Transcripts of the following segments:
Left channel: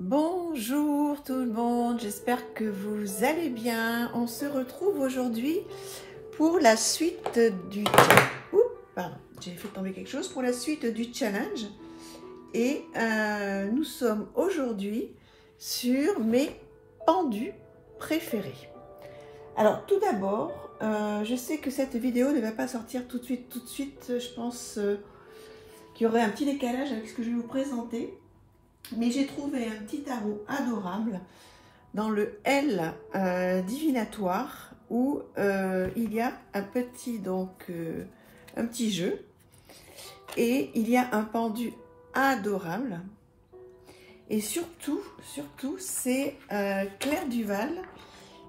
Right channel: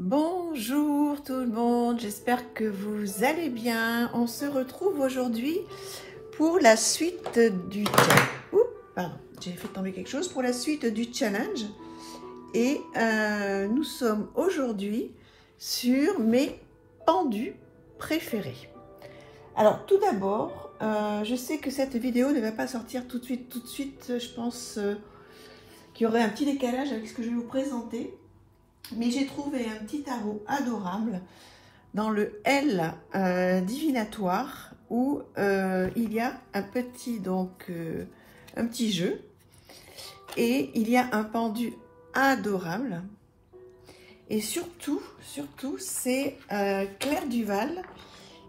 Bonjour tout le monde, j'espère que vous allez bien. On se retrouve aujourd'hui pour la suite du... pardon, j'ai fait tomber quelque chose. Pour la suite du challenge. Et nous sommes aujourd'hui sur mes pendus préférés. Alors tout d'abord, je sais que cette vidéo ne va pas sortir tout de suite. Je pense qu'il y aurait un petit décalage avec ce que je vais vous présenter. Mais j'ai trouvé un petit tarot adorable dans le L divinatoire où il y a un petit, un petit jeu et il y a un pendu adorable. Et surtout c'est Claire Duval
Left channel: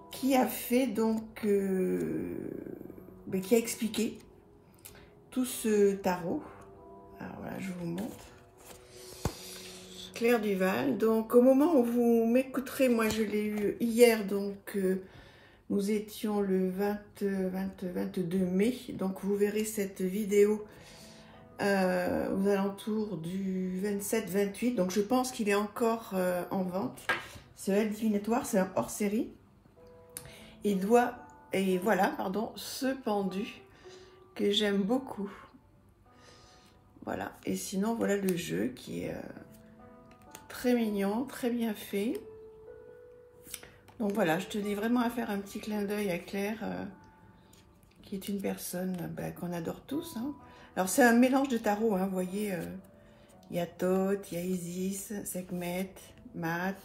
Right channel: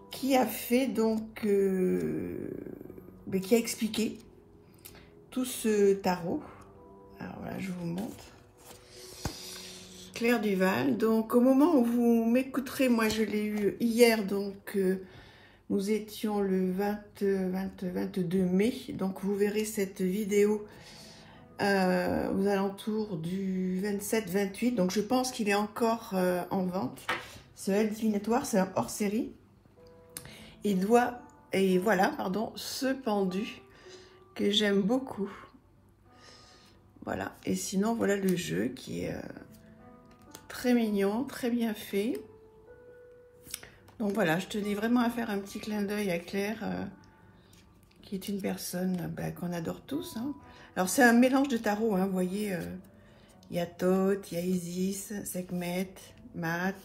qui a fait qui a expliqué tout ce tarot. Alors voilà, je vous montre. Claire Duval. Donc au moment où vous m'écouterez, moi je l'ai eu hier, donc nous étions le 22 mai, donc vous verrez cette vidéo aux alentours du 27-28, donc je pense qu'il est encore en vente. Ce L divinatoire, c'est un hors-série. Et voilà, pardon, ce pendu que j'aime beaucoup. Voilà, et sinon voilà le jeu qui est très mignon, très bien fait. Donc voilà, je tenais vraiment à faire un petit clin d'œil à Claire, qui est une personne qu'on adore tous. Hein. Alors c'est un mélange de tarots, hein, vous voyez, il y a Thoth, il y a Isis, Sekhmet, Maat,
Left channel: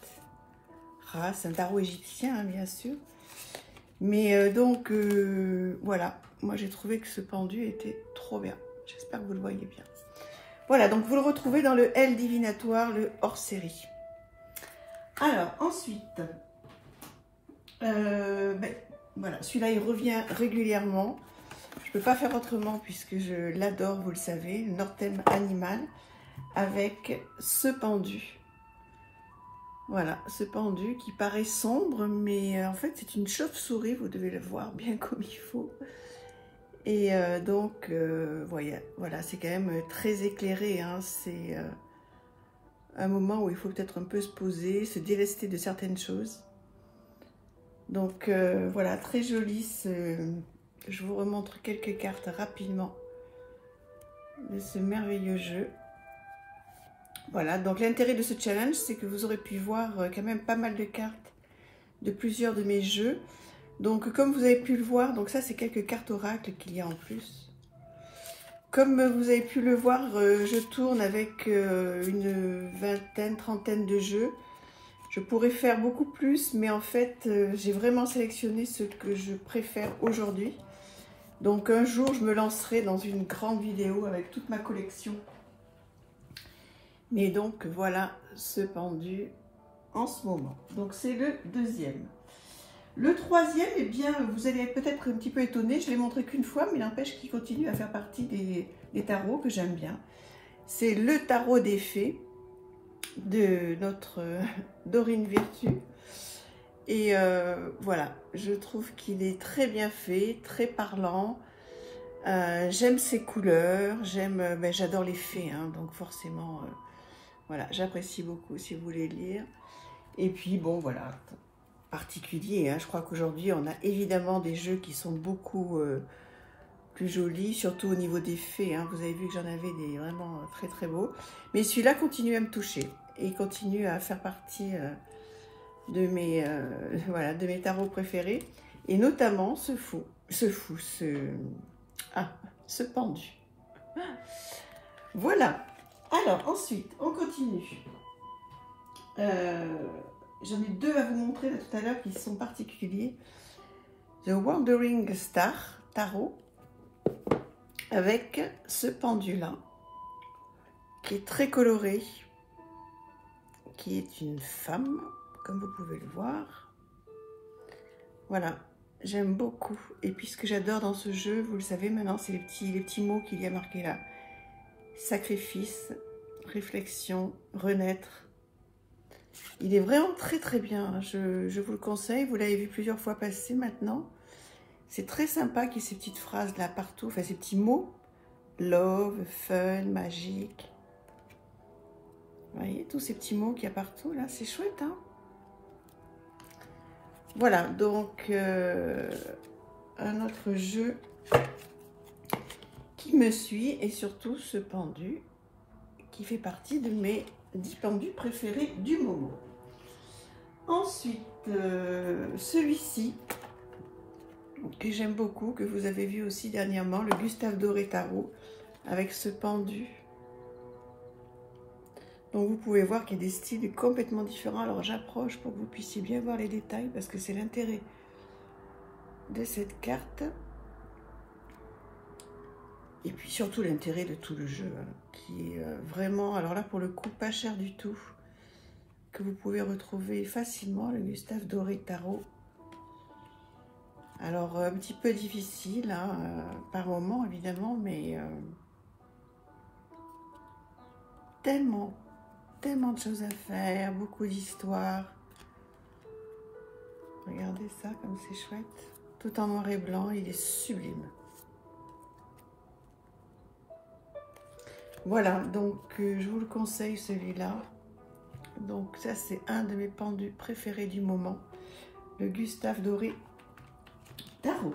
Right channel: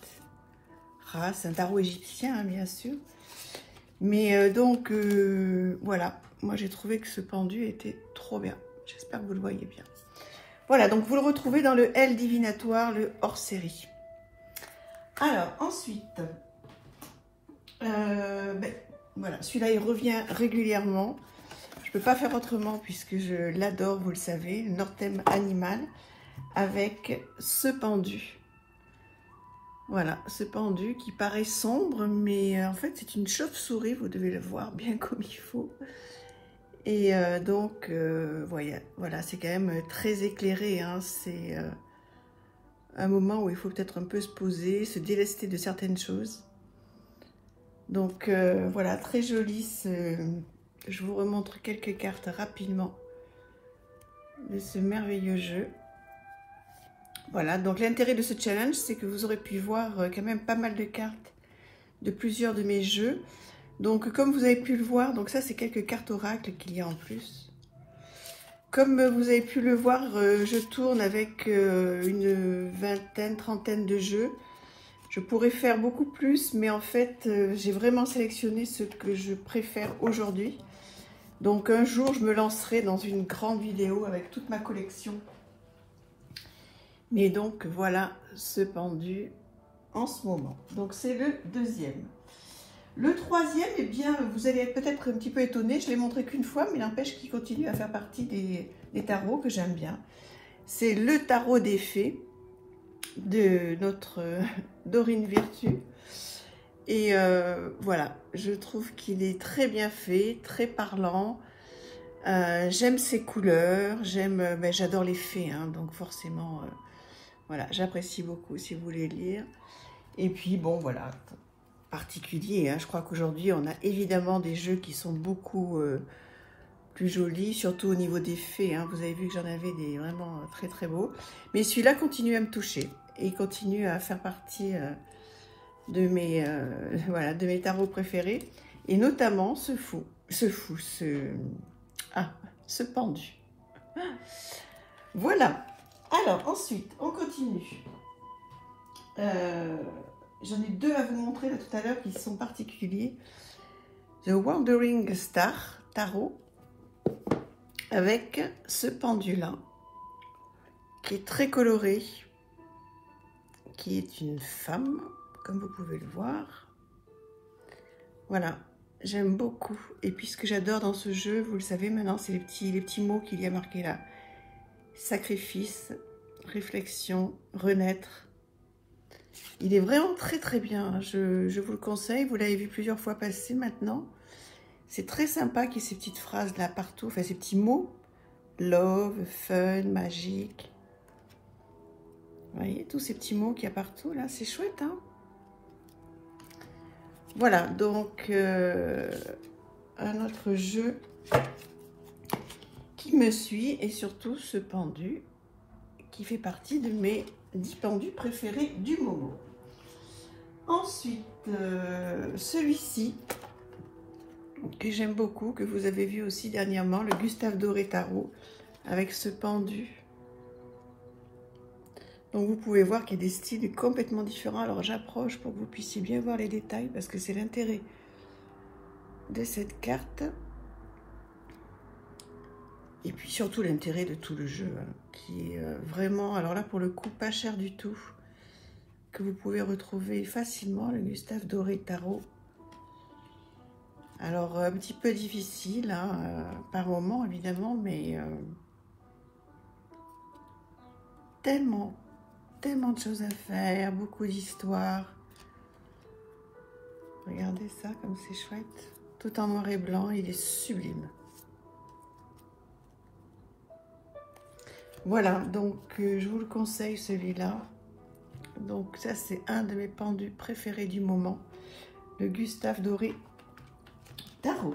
Ra, c'est un tarot égyptien, hein, bien sûr. Mais voilà, moi j'ai trouvé que ce pendu était trop bien. J'espère que vous le voyez bien. Voilà, donc vous le retrouvez dans le L divinatoire, le hors-série. Alors, ensuite, voilà, celui-là, il revient régulièrement. Je ne peux pas faire autrement puisque je l'adore, vous le savez, Northern Animal, avec ce pendu. Voilà, ce pendu qui paraît sombre, mais en fait, c'est une chauve-souris, vous devez le voir bien comme il faut. Et voilà, c'est quand même très éclairé, hein. C'est un moment où il faut peut-être un peu se poser, se délester de certaines choses. Donc voilà, très joli. Je vous remontre quelques cartes rapidement de ce merveilleux jeu. Voilà, donc l'intérêt de ce challenge, c'est que vous aurez pu voir quand même pas mal de cartes de plusieurs de mes jeux. Donc comme vous avez pu le voir, donc ça c'est quelques cartes oracles qu'il y a en plus. Comme vous avez pu le voir, je tourne avec une vingtaine, trentaine de jeux. Je pourrais faire beaucoup plus, mais en fait j'ai vraiment sélectionné ce que je préfère aujourd'hui. Donc un jour je me lancerai dans une grande vidéo avec toute ma collection. Mais donc voilà ce pendu en ce moment. Donc c'est le deuxième. Le troisième, eh bien, vous allez peut-être un petit peu étonné, je l'ai montré qu'une fois, mais n'empêche qu'il continue à faire partie des tarots que j'aime bien. C'est le tarot des fées de notre Dorine Virtue. Et voilà, je trouve qu'il est très bien fait, très parlant. J'aime ses couleurs, j'adore les fées, hein, donc forcément, voilà, j'apprécie beaucoup si vous voulez lire. Et puis bon, voilà, particulier, hein. Je crois qu'aujourd'hui on a évidemment des jeux qui sont beaucoup plus jolis, surtout au niveau des fées, hein. Vous avez vu que j'en avais des vraiment très très beaux, mais celui-là continue à me toucher et continue à faire partie de mes tarots préférés, et notamment ce pendu. Voilà. Alors ensuite on continue. J'en ai deux à vous montrer là, tout à l'heure qui sont particuliers. The Wandering Star Tarot avec ce pendu-là qui est très coloré, qui est une femme, comme vous pouvez le voir. Voilà, j'aime beaucoup. Et puis ce que j'adore dans ce jeu, vous le savez maintenant, c'est les petits mots qu'il y a marqués là. Sacrifice, réflexion, renaître. Il est vraiment très très bien, je vous le conseille, vous l'avez vu plusieurs fois passer maintenant. C'est très sympa qu'il y ait ces petites phrases là partout, enfin ces petits mots. Love, fun, magique. Vous voyez, tous ces petits mots qu'il y a partout, là, c'est chouette, hein? Voilà, donc, un autre jeu qui me suit, et surtout ce pendu, qui fait partie de mes 10 pendus préférés du moment. Ensuite, celui-ci, que j'aime beaucoup, que vous avez vu aussi dernièrement, le Gustave Doré Tarot, avec ce pendu. Donc vous pouvez voir qu'il y a des styles complètement différents. Alors j'approche pour que vous puissiez bien voir les détails, parce que c'est l'intérêt de cette carte. Et puis surtout l'intérêt de tout le jeu, hein, qui est vraiment, alors là pour le coup, pas cher du tout, que vous pouvez retrouver facilement, le Gustave Doré Tarot. Alors un petit peu difficile, hein, par moment évidemment, mais tellement de choses à faire, beaucoup d'histoires. Regardez ça comme c'est chouette, tout en noir et blanc, il est sublime. Voilà, donc je vous le conseille celui-là. Donc ça c'est un de mes pendus préférés du moment, le Gustave Doré Tarot.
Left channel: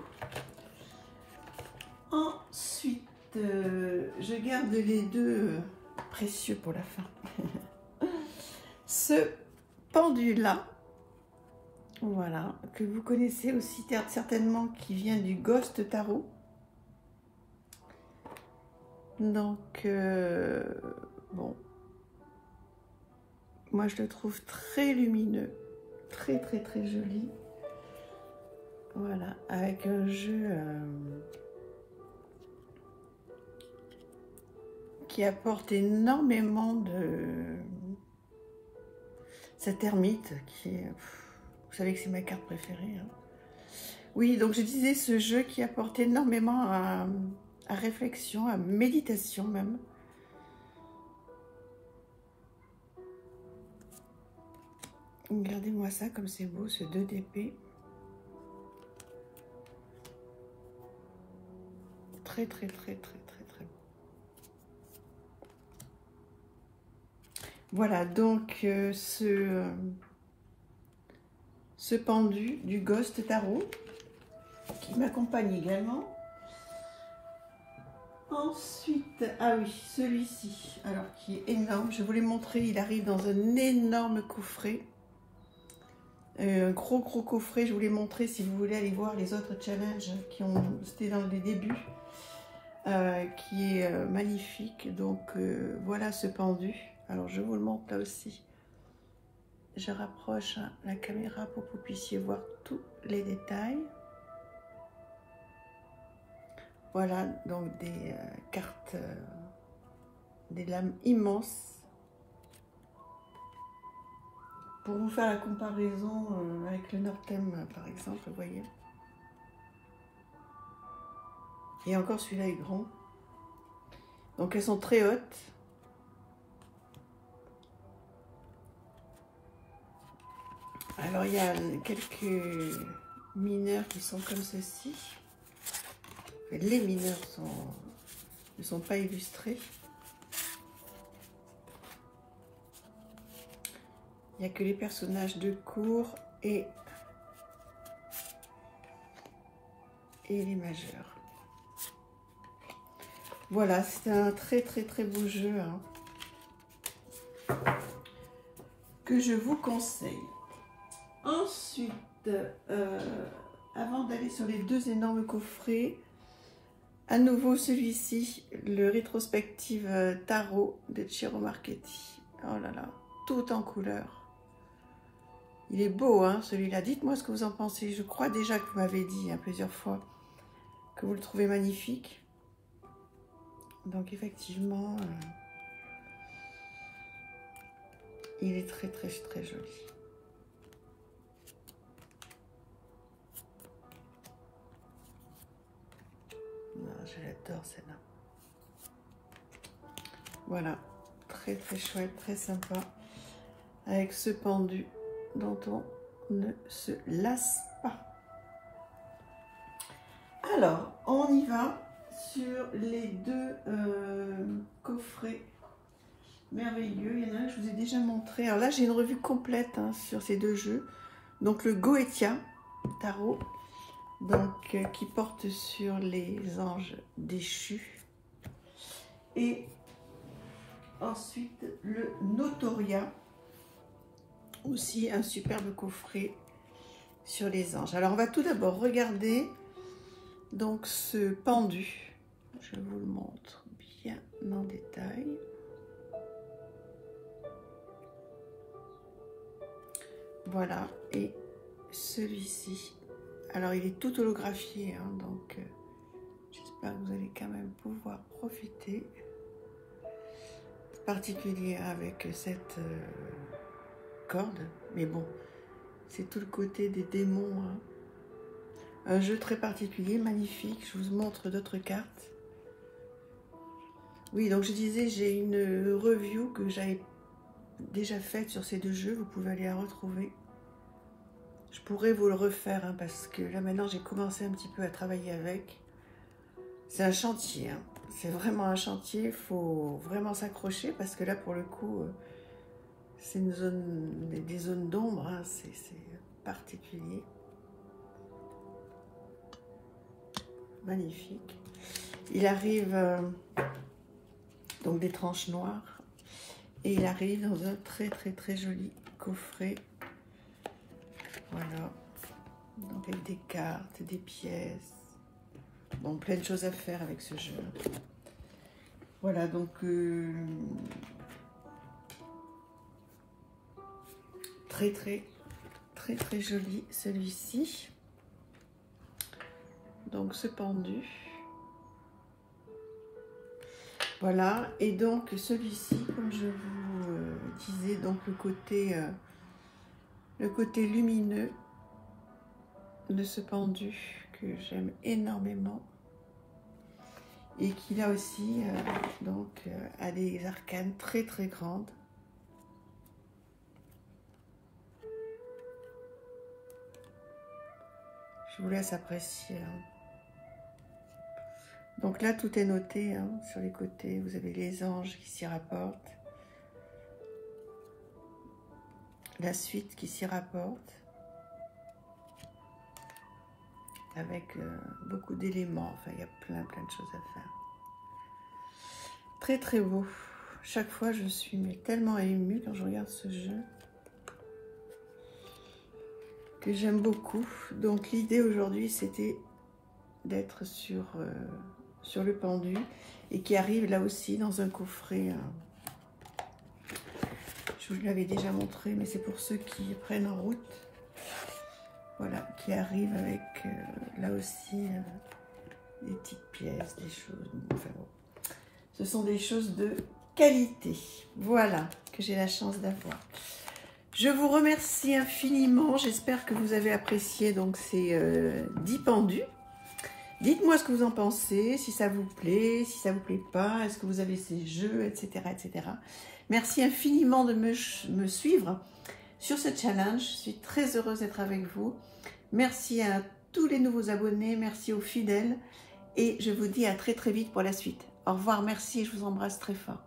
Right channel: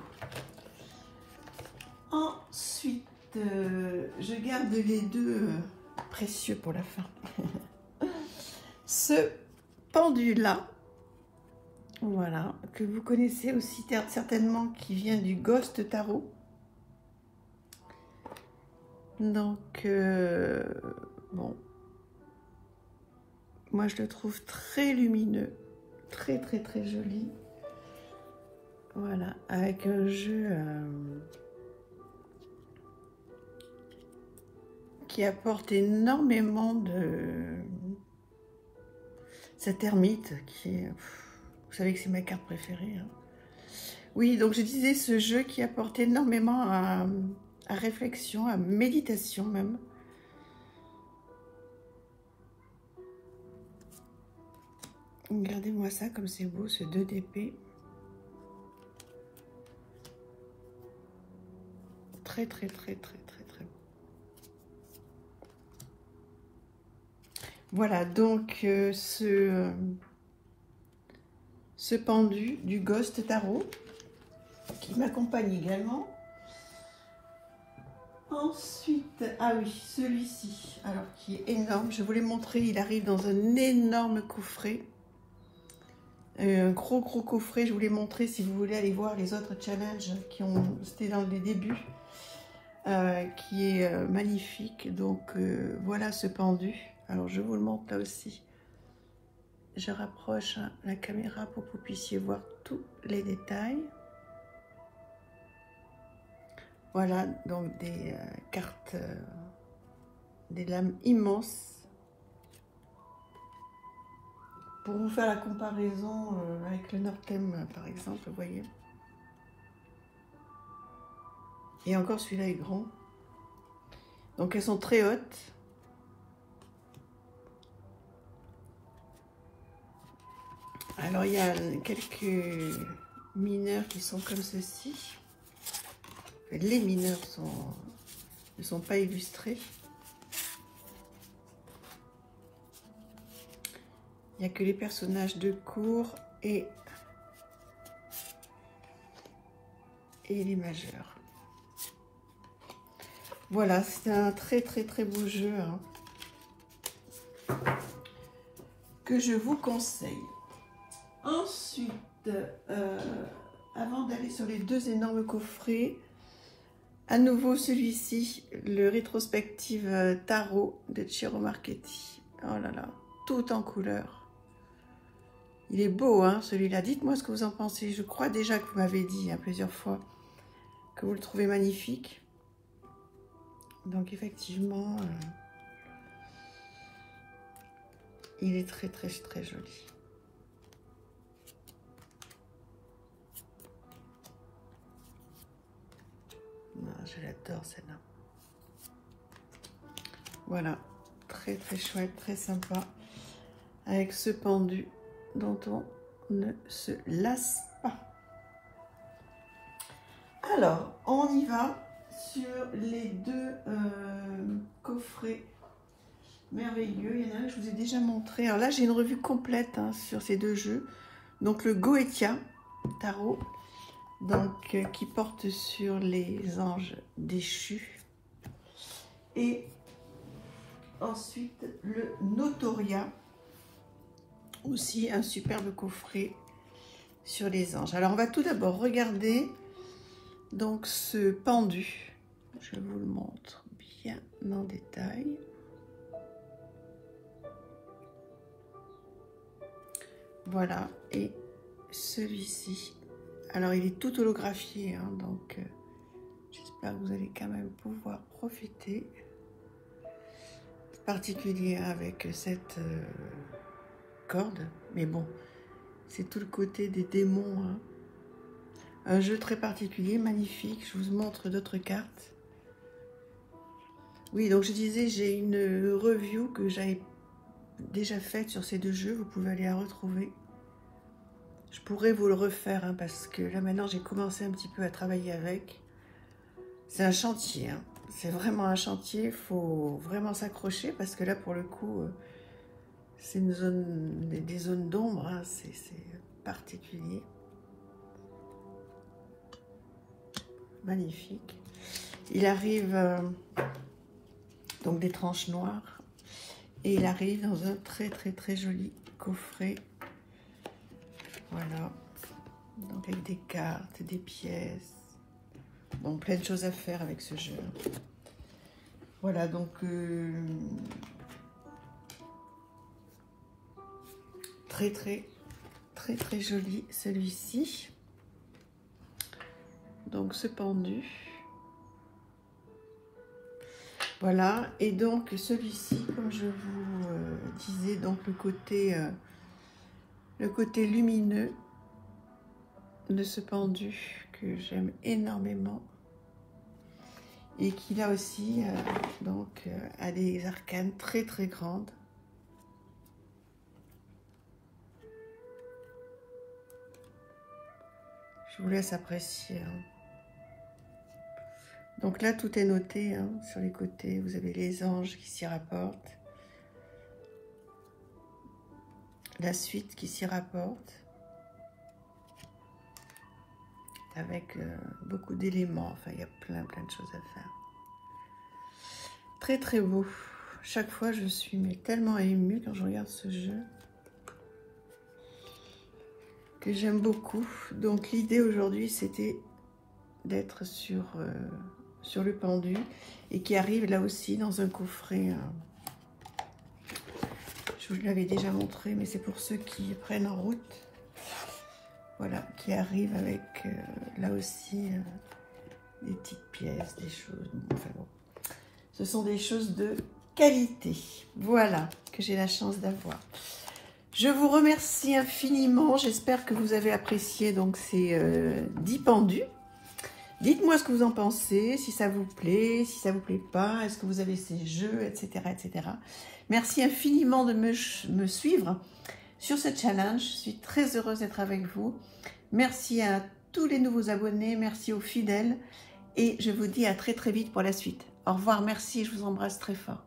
Ensuite, je garde les deux précieux pour la fin. Ce pendu-là, voilà, que vous connaissez aussi certainement, qui vient du Ghost Tarot. Donc, bon, moi je le trouve très lumineux, très joli. Voilà, avec un jeu qui apporte énormément de... Cette ermite qui est... Vous savez que c'est ma carte préférée, hein. Oui, donc je disais ce jeu qui apporte énormément à réflexion, à méditation même. Regardez-moi ça comme c'est beau, ce 2 d'épée. Très. Voilà, donc ce pendu du Ghost Tarot qui m'accompagne également. Ensuite, ah oui, celui-ci, alors qui est énorme, je vous l'ai montré, il arrive dans un énorme coffret. Un gros coffret, je vous l'ai montré si vous voulez aller voir les autres challenges qui ont, c'était dans les débuts, qui est magnifique. Donc voilà ce pendu. Alors je vous le montre là aussi. Je rapproche la caméra pour que vous puissiez voir tous les détails. Voilà donc des cartes, des lames immenses. Pour vous faire la comparaison avec le Northern par exemple, vous voyez. Et encore celui-là est grand. Donc elles sont très hautes. Alors il y a quelques mineurs qui sont comme ceci. Les mineurs ne sont pas illustrés. Il n'y a que les personnages de cour et les majeurs. Voilà, c'est un très beau jeu, hein, que je vous conseille. Ensuite, avant d'aller sur les deux énormes coffrets, à nouveau celui-ci, le rétrospective tarot de Ciro Marchetti. Oh là là, tout en couleur. Il est beau, hein, celui-là. Dites-moi ce que vous en pensez. Je crois déjà que vous m'avez dit plusieurs fois que vous le trouvez magnifique. Donc effectivement, il est très joli. Je l'adore celle-là. Voilà, très chouette, très sympa. Avec ce pendu dont on ne se lasse pas. Alors, on y va sur les deux coffrets merveilleux. Il y en a un que je vous ai déjà montré. Alors là, j'ai une revue complète hein, sur ces deux jeux. Donc le Goetia Tarot, donc, qui porte sur les anges déchus. Et ensuite le Notoria, aussi un superbe coffret sur les anges. Alors on va tout d'abord regarder donc ce pendu. Je vous le montre bien en détail. Voilà, et celui-ci, alors il est tout holographié, hein, donc j'espère que vous allez quand même pouvoir profiter. Particulier avec cette corde, mais bon, c'est tout le côté des démons. Hein. Un jeu très particulier, magnifique. Je vous montre d'autres cartes. Oui, donc je disais, j'ai une review que j'avais déjà faite sur ces deux jeux. Vous pouvez aller la retrouver. Je pourrais vous le refaire hein, parce que là maintenant j'ai commencé un petit peu à travailler avec. C'est un chantier, hein. C'est vraiment un chantier. Il faut vraiment s'accrocher parce que là pour le coup, c'est une zone, des zones d'ombre, hein. C'est particulier. Magnifique. Il arrive donc des tranches noires et il arrive dans un très joli coffret. Voilà, donc avec des cartes, des pièces, donc plein de choses à faire avec ce jeu. Voilà, donc très joli celui-ci. Donc ce pendu. Voilà, et donc celui-ci, comme je vous disais, donc le côté lumineux de ce pendu que j'aime énormément et qui là aussi donc a des arcanes très grandes. Je vous laisse apprécier. Donc là, tout est noté hein, sur les côtés. Vous avez les anges qui s'y rapportent. La suite qui s'y rapporte. Avec beaucoup d'éléments. Enfin, il y a plein de choses à faire. Très beau. Chaque fois, je suis tellement émue quand je regarde ce jeu. Que j'aime beaucoup. Donc l'idée aujourd'hui, c'était d'être sur le pendu et qui arrive là aussi dans un coffret. Je vous l'avais déjà montré, mais c'est pour ceux qui prennent en route. Voilà, qui arrive avec là aussi des petites pièces, des choses. Enfin bon, ce sont des choses de qualité. Voilà, que j'ai la chance d'avoir. Je vous remercie infiniment. J'espère que vous avez apprécié donc ces 10 pendus. Dites-moi ce que vous en pensez, si ça vous plaît, si ça vous plaît pas, est-ce que vous avez ces jeux, etc. Merci infiniment de me suivre sur ce challenge. Je suis très heureuse d'être avec vous. Merci à tous les nouveaux abonnés, merci aux fidèles et je vous dis à très vite pour la suite. Au revoir, merci, je vous embrasse très fort.